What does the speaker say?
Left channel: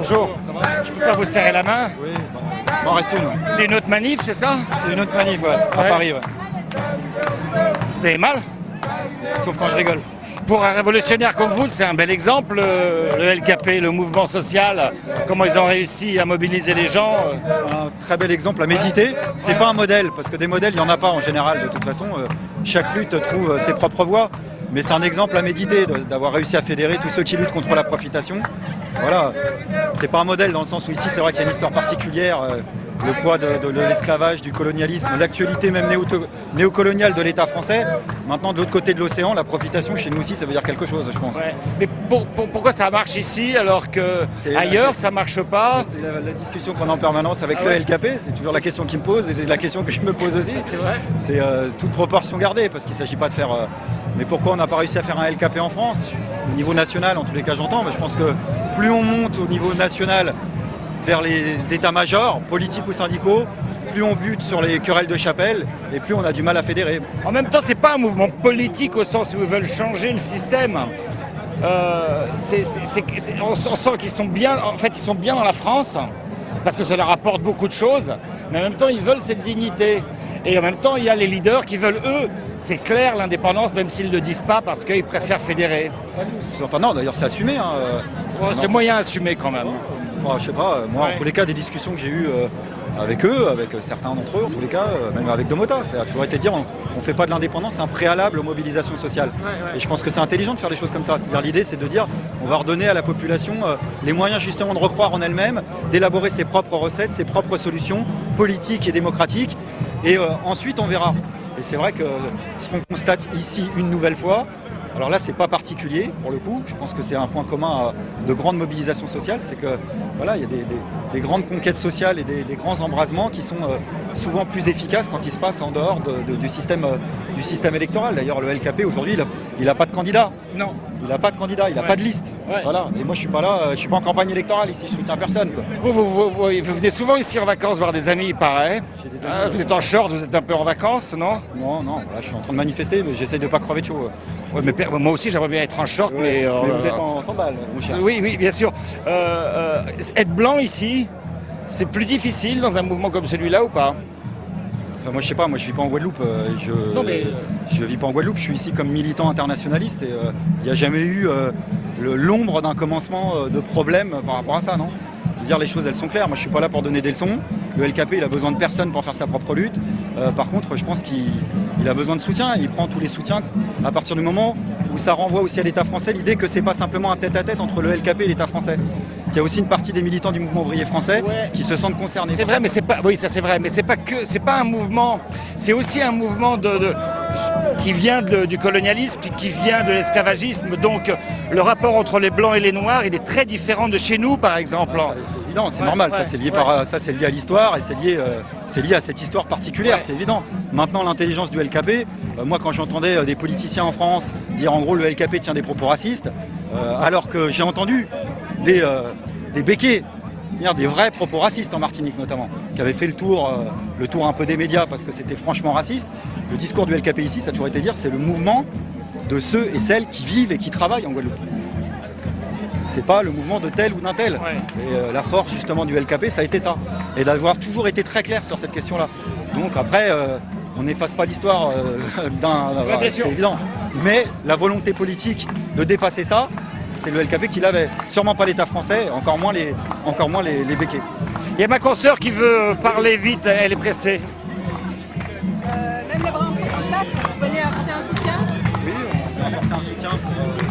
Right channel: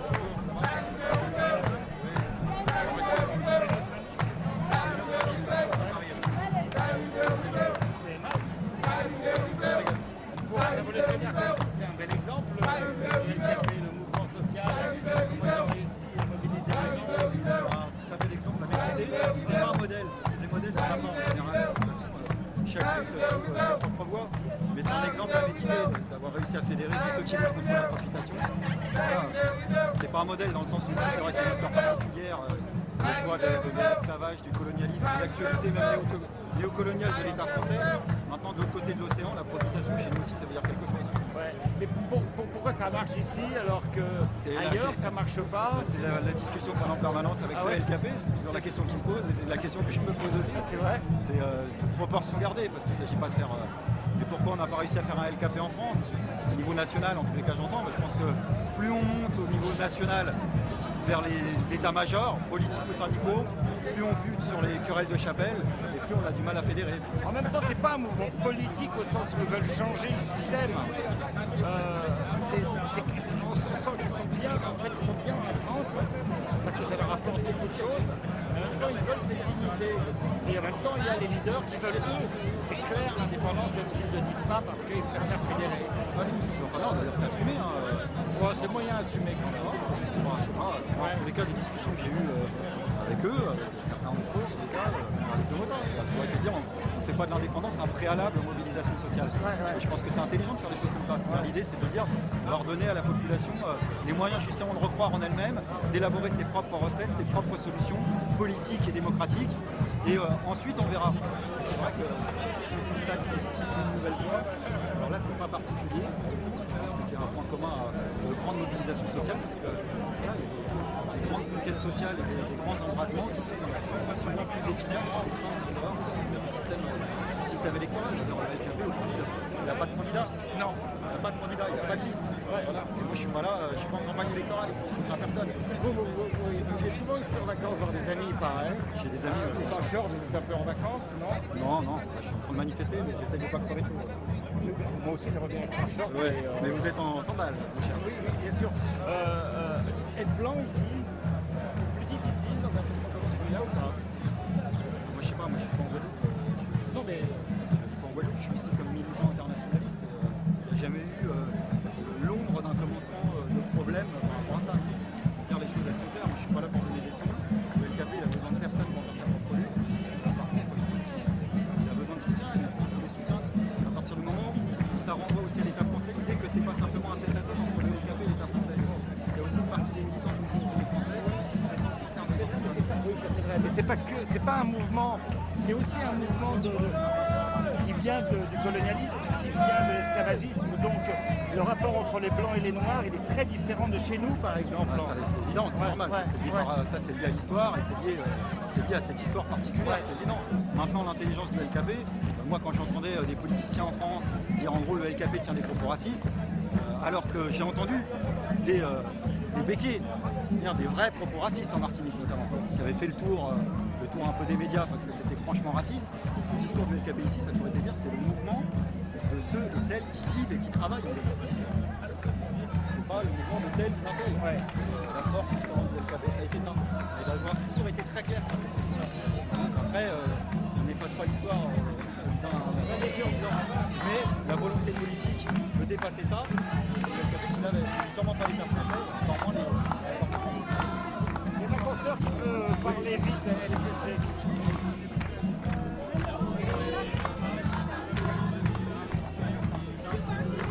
Bonjour. Je peux pas vous serrer la main? Oui. Bon, restons. C'est une autre manif, c'est ça? C'est une autre manif, ouais, à Paris, ouais. Vous avez mal? Sauf quand je rigole. Pour un révolutionnaire comme vous, c'est un bel exemple, le LKP, le mouvement social, comment ils ont réussi à mobiliser les gens. Un très bel exemple à méditer. C'est pas un modèle, parce que des modèles, il n'y en a pas en général, de toute façon. Chaque lutte trouve ses propres voies. Mais c'est un exemple à méditer, d'avoir réussi à fédérer tous ceux qui luttent contre la profitation. Voilà, c'est pas un modèle dans le sens où ici, c'est vrai qu'il y a une histoire particulière. Le poids de l'esclavage, du colonialisme, l'actualité même néocoloniale de l'État français. Maintenant, de l'autre côté de l'océan, la profitation, chez nous aussi, ça veut dire quelque chose, je pense. Ouais. Mais pourquoi ça marche ici alors qu'ailleurs, ça marche pas? C'est la discussion qu'on a en permanence avec le LKP, c'est toujours la question qu'ils me posent et c'est la question que je me pose aussi. C'est vrai. C'est toute proportion gardée, parce qu'il ne s'agit pas de faire... mais pourquoi on n'a pas réussi à faire un LKP en France? Au niveau national, en tous les cas, j'entends, mais je pense que plus on monte au niveau national vers les états-majors, politiques ou syndicaux, plus on bute sur les querelles de chapelle et plus on a du mal à fédérer. En même temps, c'est pas un mouvement politique au sens où ils veulent changer le système. On sent qu'ils sont bien, en fait, ils sont bien dans la France parce que ça leur apporte beaucoup de choses, mais en même temps, ils veulent cette dignité. Et en même temps, il y a les leaders qui veulent, eux, c'est clair, l'indépendance, même s'ils ne le disent pas, parce qu'ils préfèrent fédérer. Pas tous. Enfin non, d'ailleurs, c'est assumé. Hein. C'est moyen assumé quand même. Enfin, je sais pas, moi, Ouais. en tous les cas, des discussions que j'ai eues avec eux, avec certains d'entre eux, en tous les cas, même avec Domota, ça a toujours été de dire, on ne fait pas de l'indépendance, c'est un préalable aux mobilisations sociales. Ouais. Et je pense que c'est intelligent de faire des choses comme ça. C'est-à-dire, l'idée, c'est de dire, on va redonner à la population les moyens justement de recroire en elle-même, d'élaborer ses propres recettes, ses propres solutions politiques et démocratiques. Et ensuite, on verra. Et c'est vrai que ce qu'on constate ici une nouvelle fois, alors là, c'est pas particulier pour le coup. Je pense que c'est un point commun de grande mobilisation sociale, c'est que voilà, il y a des grandes conquêtes sociales et des grands embrasements qui sont souvent plus efficaces quand ils se passent en dehors du système électoral. D'ailleurs, le LKP aujourd'hui, il n'a pas de candidat. Non. Il n'a pas de candidat, il n'a pas de liste. Ouais. Voilà. Et moi, je suis pas là, je suis pas en campagne électorale ici. Je soutiens personne, quoi. Vous venez souvent ici en vacances voir des amis, il paraît. Vous êtes en short, vous êtes un peu en vacances, non? Non, là, je suis en train de manifester, mais j'essaye de pas crever de chaud. Ouais, mais moi aussi, j'aimerais bien être en short, mais... vous êtes en sandales, mon cher. Oui, bien sûr. Être blanc ici, c'est plus difficile dans un mouvement comme celui-là ou pas? Enfin, moi je sais pas, moi je vis pas en Guadeloupe, Non, mais- je vis pas en Guadeloupe, je suis ici comme militant internationaliste et il n'y a jamais eu l'ombre d'un commencement de problème par rapport à ça, non? Je veux dire, les choses elles sont claires, moi je suis pas là pour donner des leçons, le LKP il a besoin de personne pour faire sa propre lutte, par contre je pense qu'il a besoin de soutien, il prend tous les soutiens à partir du moment où ça renvoie aussi à l'État français l'idée que c'est pas simplement un tête-à-tête entre le LKP et l'État français, qu'il y a aussi une partie des militants du mouvement ouvrier français qui se sentent concernés. C'est vrai, mais c'est pas. Oui, ça c'est vrai, mais c'est pas un mouvement. C'est aussi un mouvement qui vient du colonialisme, qui vient de l'esclavagisme. Donc, le rapport entre les blancs et les noirs, il est très différent de chez nous, par exemple. C'est évident, c'est normal, ça c'est lié c'est lié à l'histoire et c'est lié à cette histoire particulière, c'est évident. Maintenant, l'intelligence du LKP, moi quand j'entendais des politiciens en France dire en gros le LKP tient des propos racistes, alors que j'ai entendu des béquets, des vrais propos racistes en Martinique notamment, qui avaient fait le tour un peu des médias parce que c'était franchement raciste. Le discours du LKP ici, ça a toujours été de dire c'est le mouvement de ceux et celles qui vivent et qui travaillent en Guadeloupe. C'est pas le mouvement de tel ou d'un tel. Ouais. Et la force justement du LKP, ça a été ça. Et d'avoir toujours été très clair sur cette question-là. Donc après, on n'efface pas l'histoire bien sûr. c'est évident. Mais la volonté politique de dépasser ça, c'est le LKP qui l'avait. Sûrement pas l'État français, encore moins les béquets. Il y a ma consoeur qui veut parler vite, elle est pressée. Même les bras en 4, vous venez apporter un soutien. Oui, on peut apporter un soutien pour